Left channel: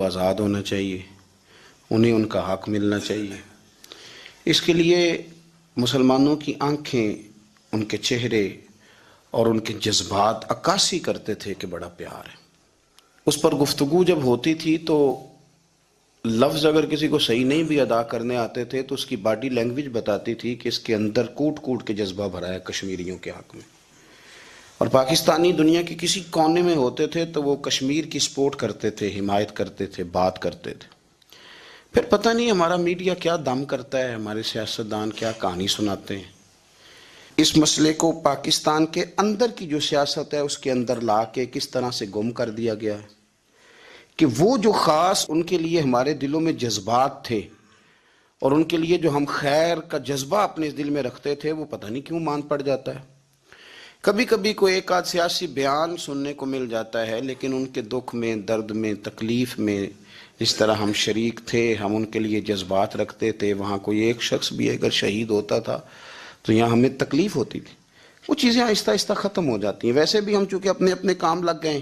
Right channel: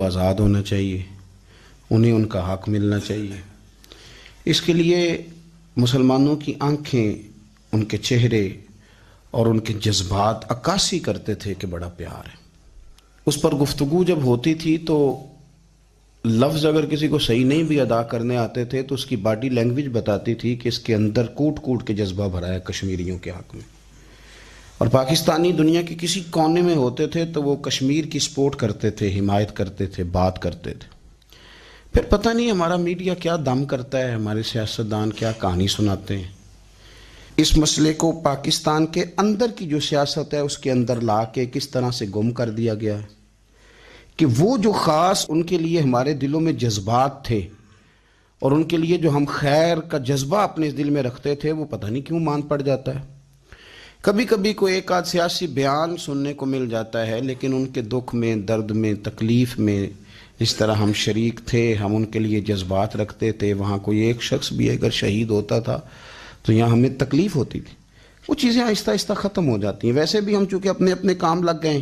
آزاد ہونا چاہیے، انہیں ان کا حق ملنا چاہیے۔ اس کے لیے مسلمانوں کی آنکھیں، ان کے چہرے اور ان کے جذبات عکاسی کرتے تھے کہ بڑا پیار ہے۔ اس پر گفتگو جب ہوتی تھی تو لفظ اگر کسی کو صحیح نہیں بھی ادا کرنے آتے تھے تو اس کی باڈی لینگویج بتاتی تھی کہ اس کے اندر کوٹ کوٹ کے جذبہ بھرا ہے کشمیریوں کے حق میں۔ اور پاکستانی دنیا کے کسی کونے میں ہوتے تھے تو وہ کشمیر کی سپورٹ کرتے تھے، حمایت کرتے تھے، بات کرتے تھے۔ پھر پتہ نہیں ہمارا میڈیا کیا دم کرتا ہے، ہمارے سیاستدان کیا کہانی سناتے ہیں، اس مسئلے کو پاکستان کے اندر کی جو سیاست ہے اس کے اندر لا کے کس طرح سے گم کر دیا گیا ہے کہ وہ جو خاص ان کے لیے ہمارے دلوں میں جذبات تھے اور ان کے لیے جو ہم خیر کا جذبہ اپنے دل میں رکھتے تھے وہ پتہ نہیں کیوں مان پڑ جاتا ہے۔ کبھی کبھی کوئی ایک آدھ سیاسی بیان سننے کو مل جاتا ہے، لیکن ان کے دکھ میں، درد میں، تکلیف میں جس طرح ہم شریک تھے، ہم ان کے لیے جذبات رکھتے تھے، وہاں کوئی ایک شخص بھی اگر شہید ہوتا تھا تو یہاں ہمیں تکلیف ہوتی تھی۔ وہ چیزیں آہستہ آہستہ ختم ہو جاتی ہیں۔ ویسے بھی ہم چونکہ اپنے اپنے کام لگ گئے ہیں،